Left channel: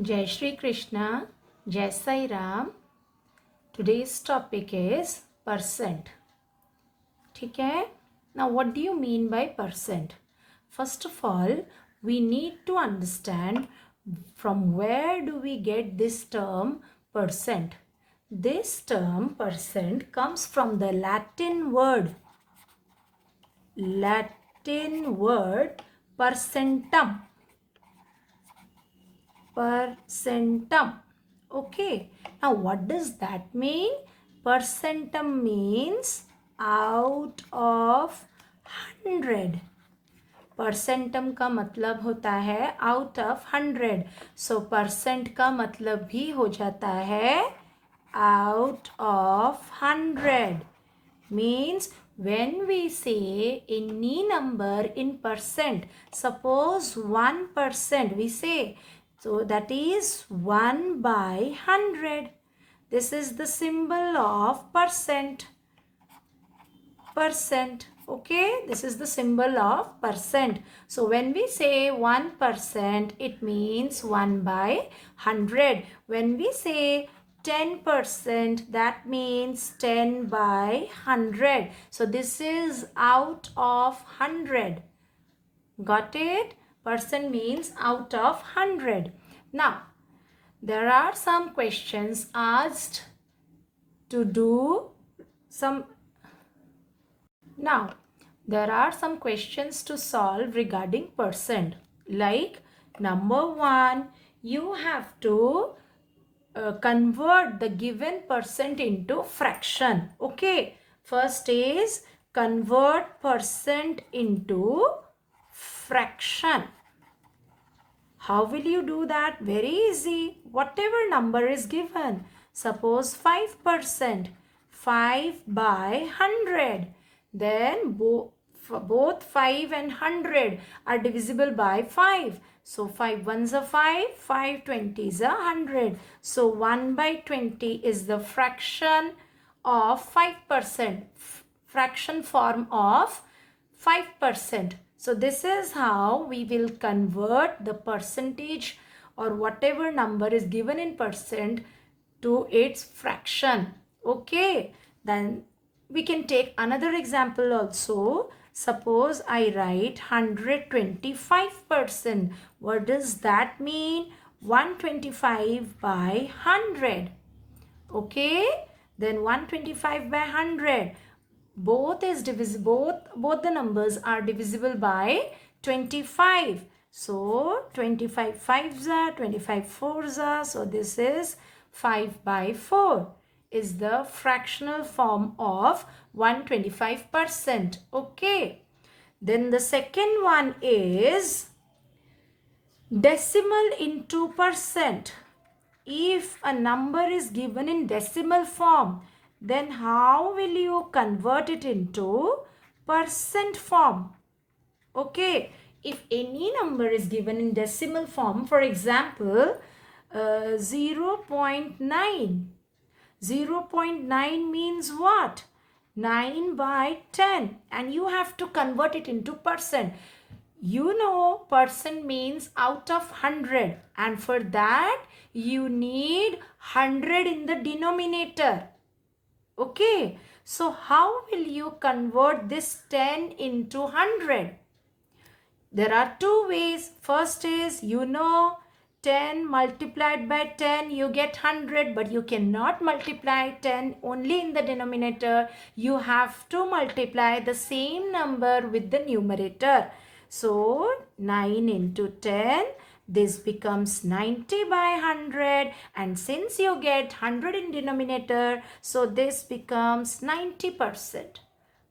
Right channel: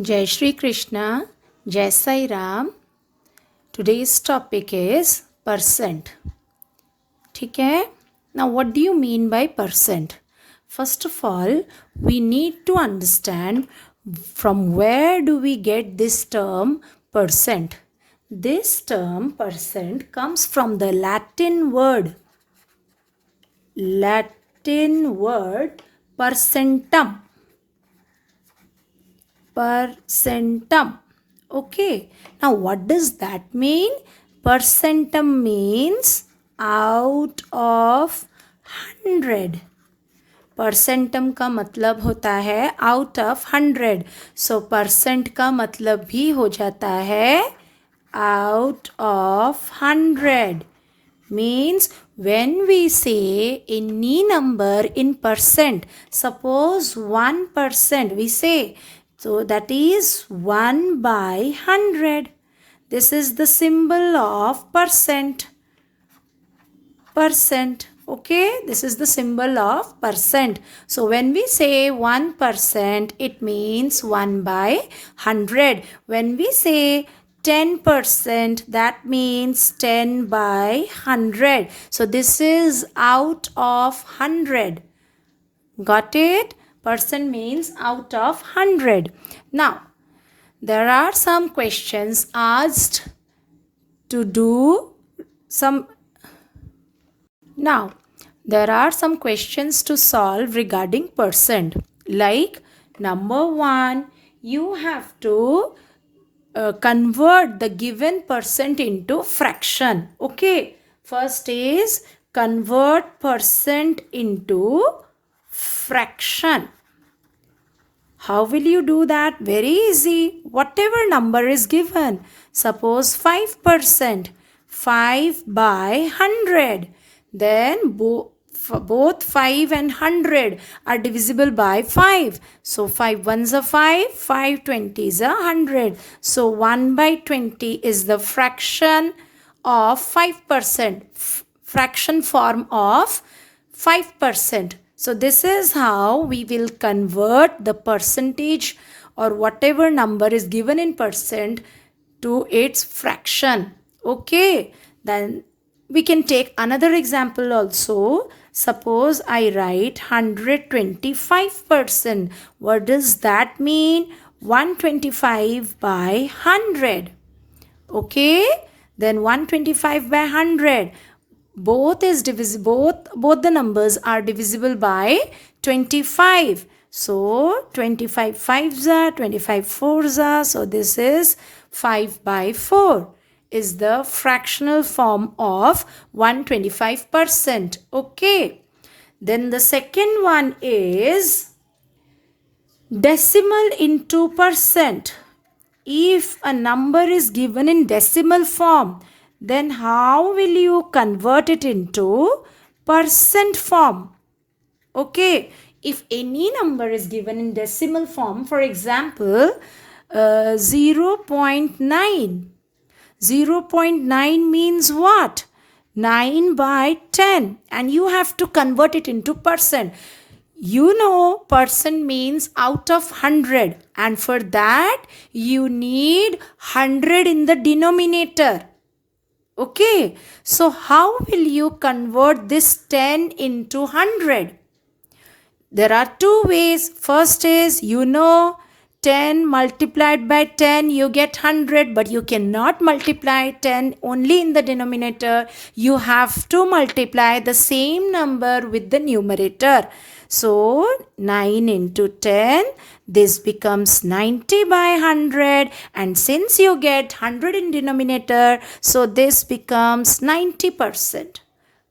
Jai Shri Krishna, Jai Sai Ram. Today's topic is percent. ठीक है? Now, what do you mean by percent? First of all, we need to understand from where do we get this term percent. This term percent comes from the Latin word percentum. Percentum. Okay. Now, what does that mean? Percentum means out of 100. परसेंटम का मतलब होता है out of 100. So percent का मतलब भी हो जाता है out of 100. Means when we say any number in percent, suppose 1%, we say, so that is 1 by 100. This is the symbol of percent. Percent. Okay, this is the symbol of percent. So when we say 1%, it means 1 by 100. When we say 10%, that means 10 by 100. So this is out of 100. Got it? Percent means out of 100. Now, there are some questions asked to do some. Now, there are some questions to solve regarding percent. Like, number 1, you have to convert the given percent into fraction. Okay, first is convert percent into fraction. How will you do that? Very easy. Whatever number is given. Suppose 5%. 5 by 100. Then both 5 and 100 are divisible by 5. So 5 ones are 5, 5 20s are 100. So 1 by 20 is the fraction of 5%. Fraction form of 5%. So this is how we will convert the percentage or whatever number is given in percent to its fraction. Okay, then we can take another example also. Suppose I write 125%. What does that mean? 125 by 100. Okay, then 125 by 100. Both is divisible. Both the numbers are divisible by 25. So 25 5s are, 25 4s are. So this is 5 by 4 is the fractional form of 125%. Okay. Then the second one is decimal into percent. If a number is given in decimal form, then how will you convert it into percent form? Okay, if any number is given in decimal form, for example, 0.9. 0.9 means what? 9 by 10, and you have to convert it into percent. You know percent means out of 100, and for that you need 100 in the denominator. Okay, so how will you convert this 10 into 100? There are two ways. First is, 10 multiplied by 10, you get 100, but you cannot multiply 10 only in the denominator. You have to multiply the same number with the numerator. So 9 into 10, this becomes 90 by 100, and since you get 100 in denominator, so this becomes 90%.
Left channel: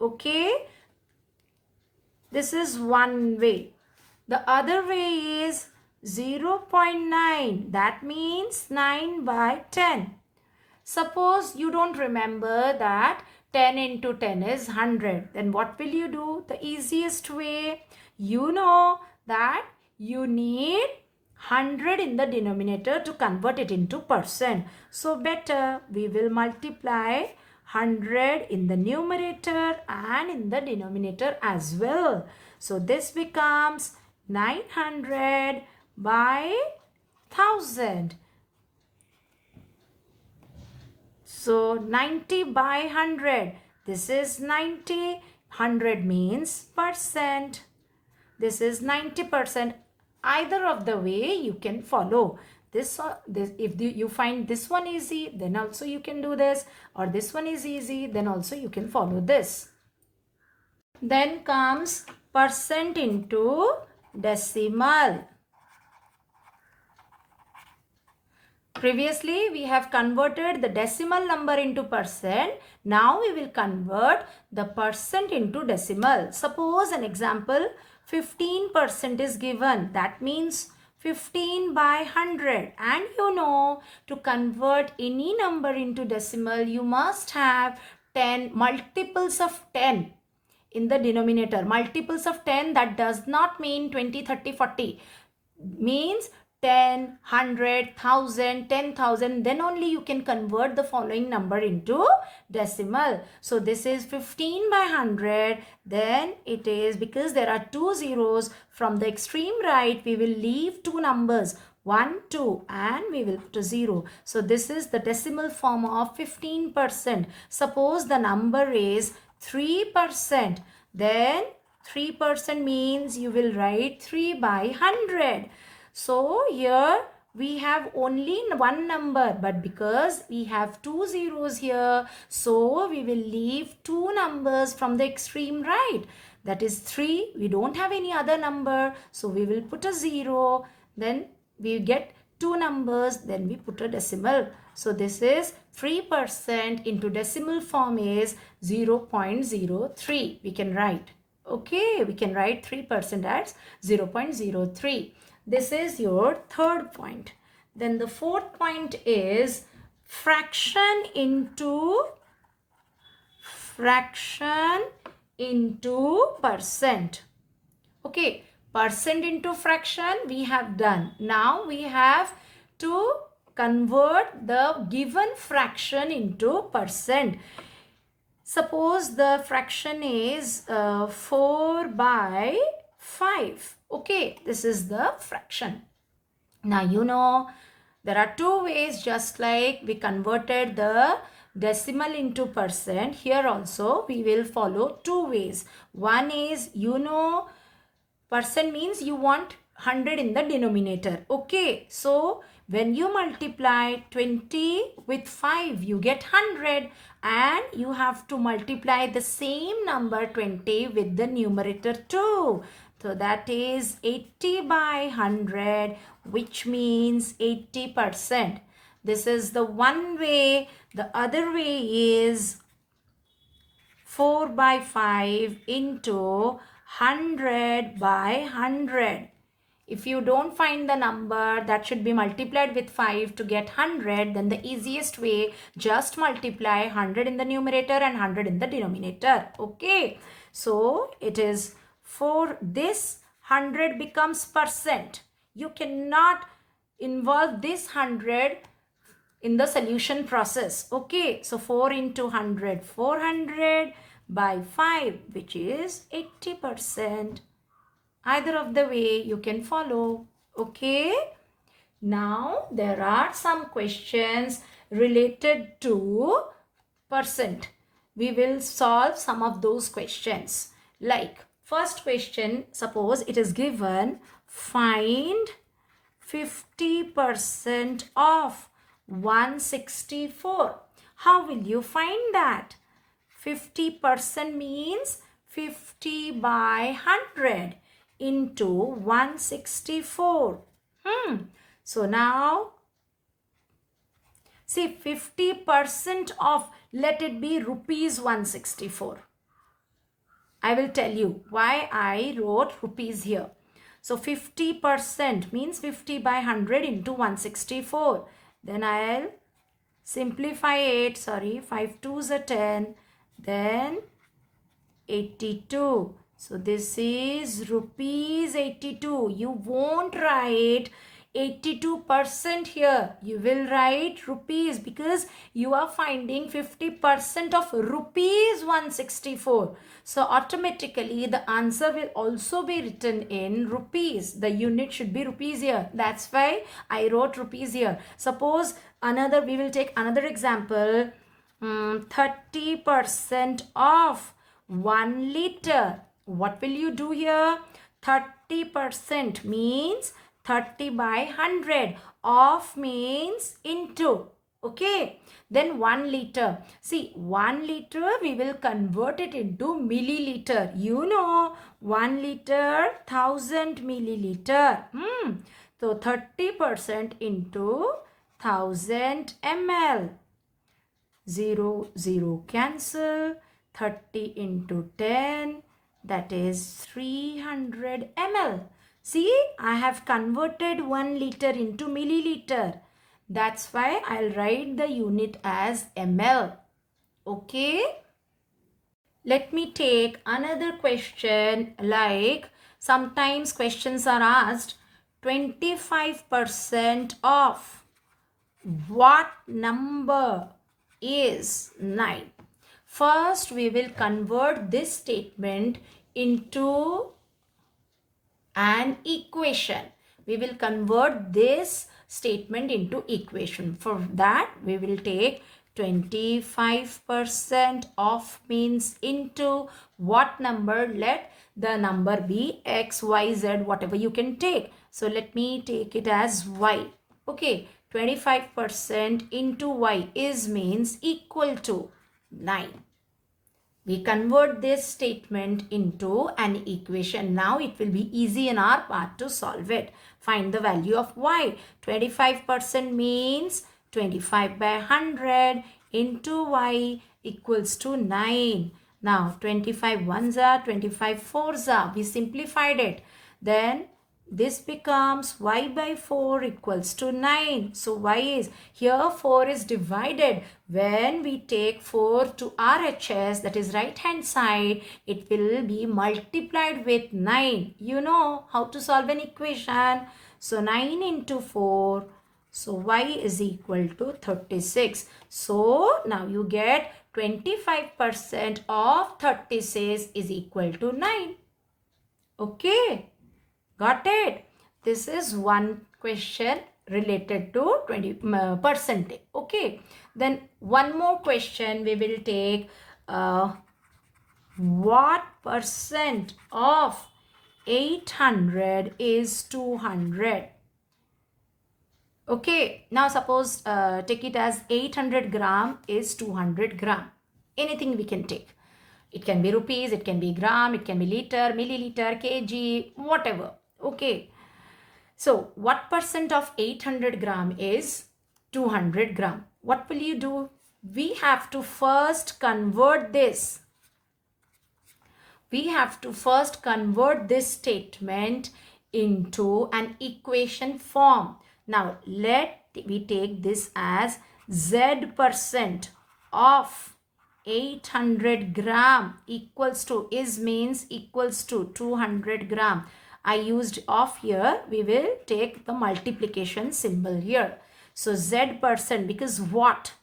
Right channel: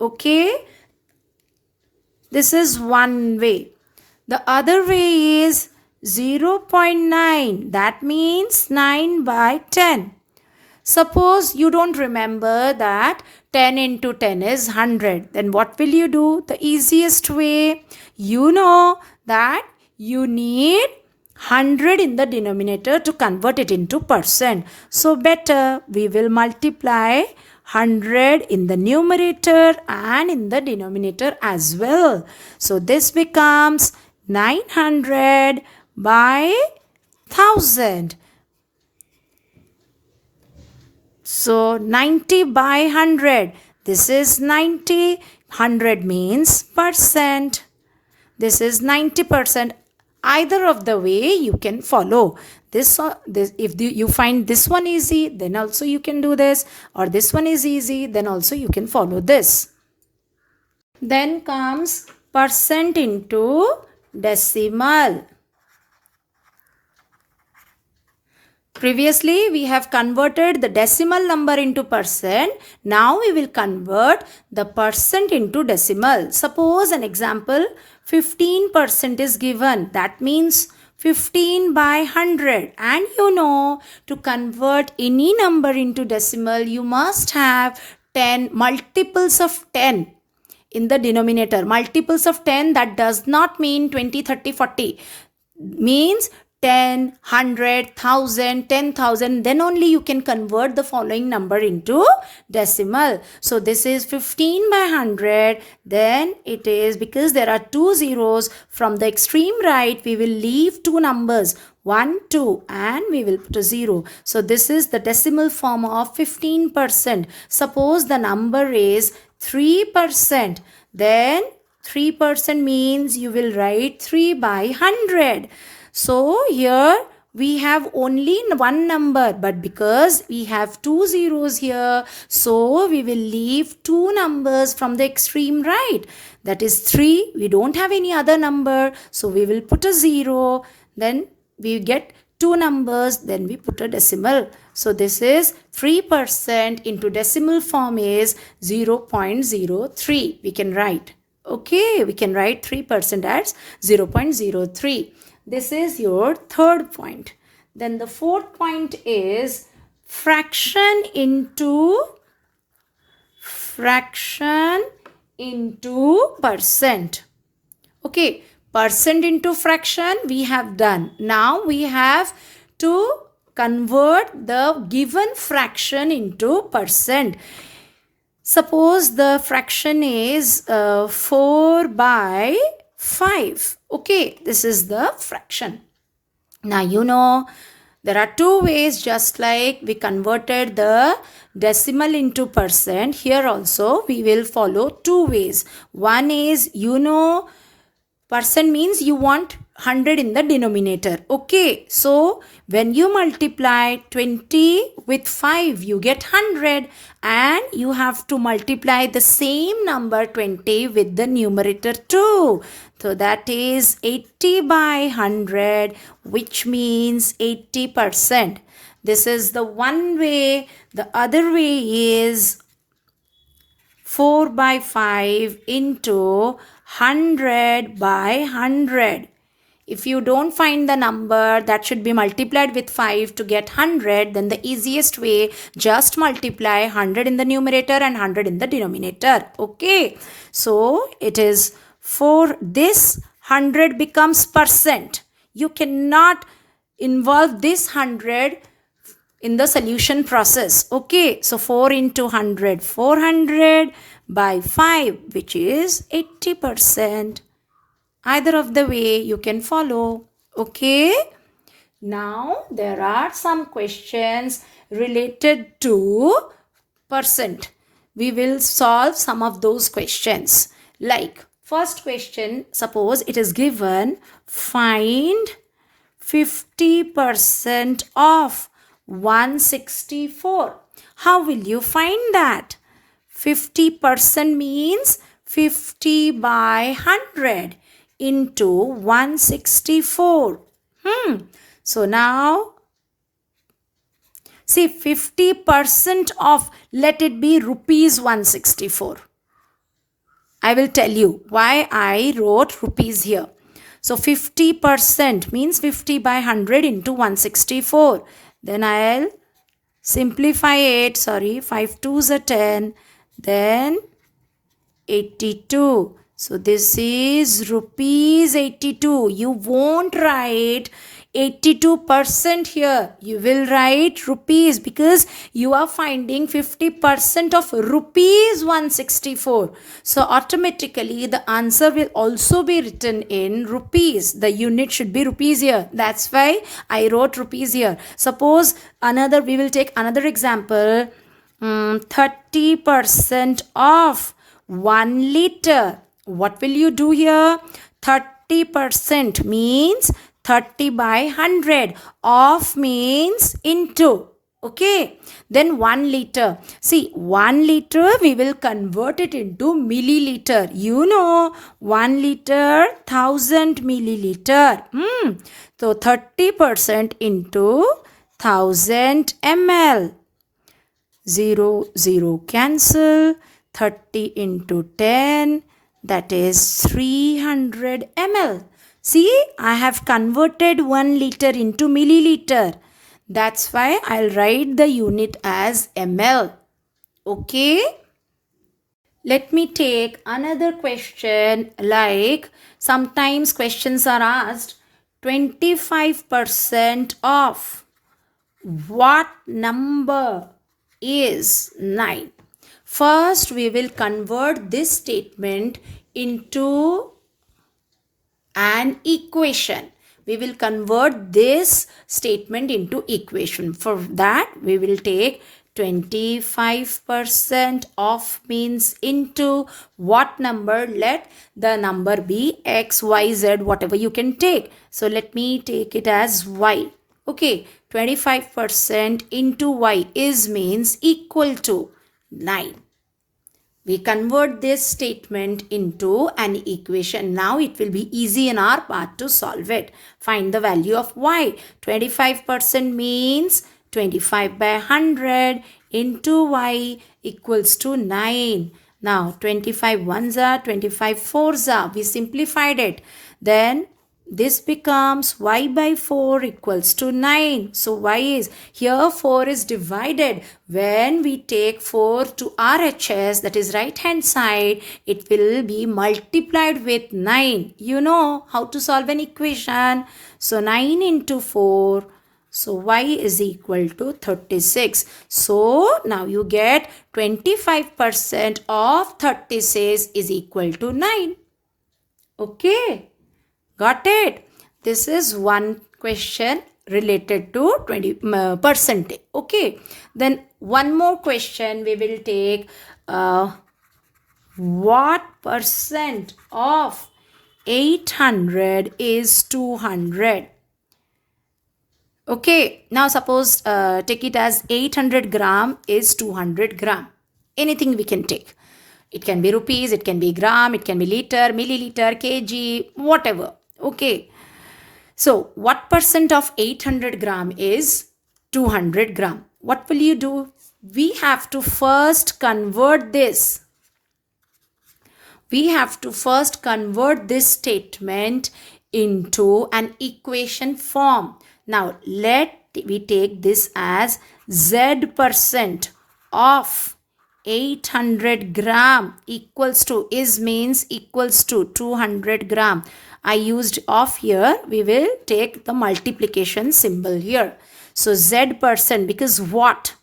Okay, this is one way. The other way is 0.9, that means 9 by 10. Suppose you don't remember that 10 into 10 is 100. Then what will you do? The easiest way, you know that you need 100 in the denominator to convert it into percent. So better we will multiply 100 in the numerator and in the denominator as well. So this becomes 900 by 1000. So 90 by 100. This is 90. 100 means percent. This is 90%. Either of the way you can follow. This if you find this one easy, then also you can do this. Or this one is easy, then also you can follow this. Then comes percent into decimal. Previously, we have converted the decimal number into percent. Now, we will convert the percent into decimal. Suppose an example, 15% is given. That means 15 by 100. And you know, to convert any number into decimal, you must have 10 multiples of 10 in the denominator. Multiples of 10, that does not mean 20, 30, 40. Means 10, 100, 1000, 10,000, then only you can convert the following number into decimal. So this is 15 by 100. Then it is, because there are two zeros, from the extreme right, we will leave two numbers, 1, 2, and we will put a 0. So this is the decimal form of 15%. Suppose the number is 3%. Then 3% means you will write 3 by 100. So here we have only one number, but because we have two zeros here, so we will leave two numbers from the extreme right. That is 3. We don't have any other number, so we will put a 0. Then we get two numbers, then we put a decimal. So this is 3% into decimal form is 0.03. We can write. Okay, we can write 3% as 0.03. This is your third point. Then the fourth point is fraction into percent. Okay, percent into fraction we have done. Now we have to convert the given fraction into percent. Suppose the fraction is 4 by 5. Okay, this is the fraction. Now you know there are two ways, just like we converted the decimal into percent. Here also we will follow two ways. One is, you know, percent means you want 100 in the denominator. Okay, so when you multiply 20 with 5, you get 100, and you have to multiply the same number 20 with the numerator too. So that is 80 by 100, which means 80%. This is the one way. The other way is 4 by 5 into 100 by 100. If you don't find the number that should be multiplied with 5 to get 100, then the easiest way, just multiply 100 in the numerator and 100 in the denominator. Okay, so it is for this 100 becomes percent. You cannot involve this 100 in the solution process. Okay, so 4 into 100, 400 by 5, which is 80%. Either of the way you can follow. Okay. Now there are some questions related to percent. We will solve some of those questions. Like first question, suppose it is given, find 50% of 164. How will you find that? 50% means 50 by 100 into 164. So now, see, 50% of, let it be rupees 164. I will tell you why I wrote rupees here. So 50% means 50 by 100 into 164. Then I'll simplify it. Sorry, 5 2s are 10. Then 82. So this is rupees 82. You won't write 82% here. You will write rupees because you are finding 50% of rupees 164. So automatically the answer will also be written in rupees. The unit should be rupees here. That's why I wrote rupees here. Suppose we will take another example. 30% of 1 liter. What will you do here? 30% means 30 by 100. Of means into. Okay. Then 1 liter. See, 1 liter we will convert it into milliliter. You know, 1 liter 1000 milliliter. So 30% into 1000 ml. 0, 0 cancel. 30 into 10, that is 300 ml. See, I have converted 1 liter into milliliter. That's why I'll write the unit as ml. Okay. Let me take another question, like sometimes questions are asked 25% of what number is 9. First, we will convert this statement into an equation. We will convert this statement into equation. For that, we will take 25% of means into what number? Let the number be x, y, z, whatever you can take. So let me take it as y. Okay, 25% into y is means equal to 9. We convert this statement into an equation. Now it will be easy in our part to solve it. Find the value of y. 25% means 25 by 100 into y equals to 9. Now 25 ones are 25 fours are. We simplified it. Then this becomes y by 4 equals to 9. So y is, here 4 is divided. When we take 4 to RHS, that is right hand side, it will be multiplied with 9. You know how to solve an equation. So 9 into 4. So y is equal to 36. So now you get 25% of 36 is equal to 9. Okay. Got it? This is one question related to 20%. Okay. Then one more question we will take. What percent of 800 is 200? Okay. Now suppose take it as 800 gram is 200 gram. Anything we can take. It can be rupees, it can be gram, it can be liter, milliliter, kg, whatever. Okay. So what percent of 800 gram is 200 gram? What will you do? We have to first convert this. We have to first convert this statement into an equation form. Now let we take this as z% of 800 gram equals to is means equals to 200 gram. I used of here. We will take the multiplication symbol here. So z% because what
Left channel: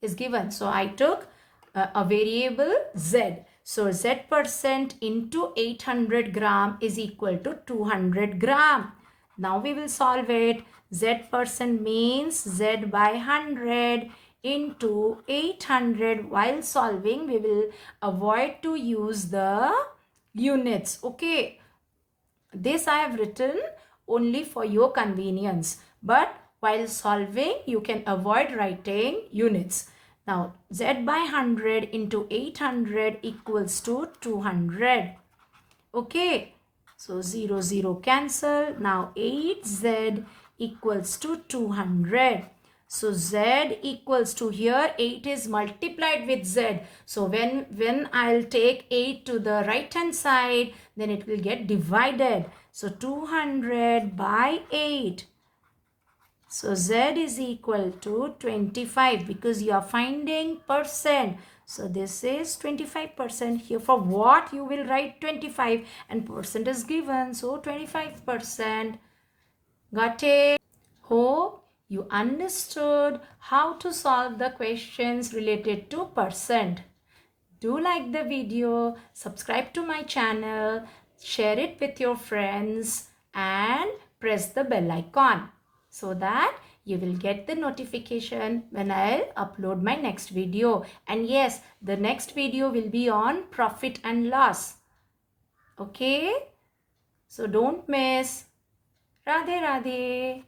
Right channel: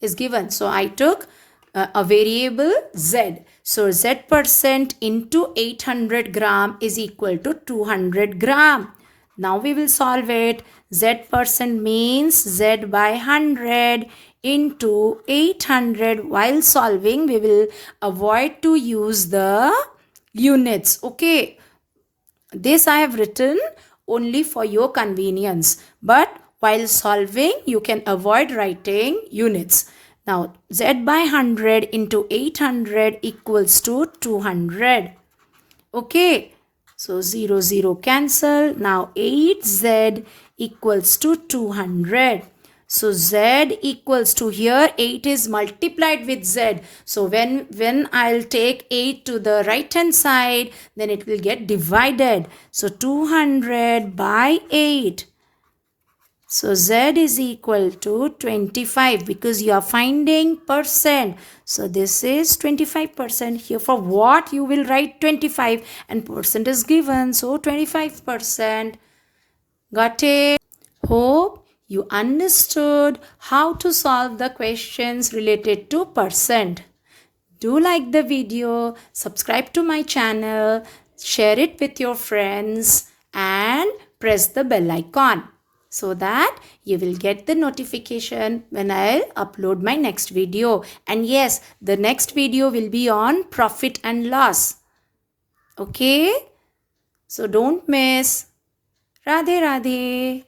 is given. So I took a variable z. So z% into 800 gram is equal to 200 gram. Now we will solve it. Z% means z by 100 into 800. While solving, we will avoid to use the units. Okay. This I have written only for your convenience. But while solving, you can avoid writing units. Now, z by 100 into 800 equals to 200. Okay. So, 0, 0 cancel. Now, 8z equals to 200. So z equals to here 8 is multiplied with z. So when I'll take 8 to the right hand side, then it will get divided. So 200 by 8. So z is equal to 25 because you are finding percent. So this is 25%. Here for what you will write 25 and percent is given. So 25%. Got it? Hope you understood how to solve the questions related to percent. Do like the video, subscribe to my channel, share it with your friends and press the bell icon so that you will get the notification when I'll upload my next video. And yes, the next video will be on profit and loss. Okay? So don't miss. Radhe Radhe.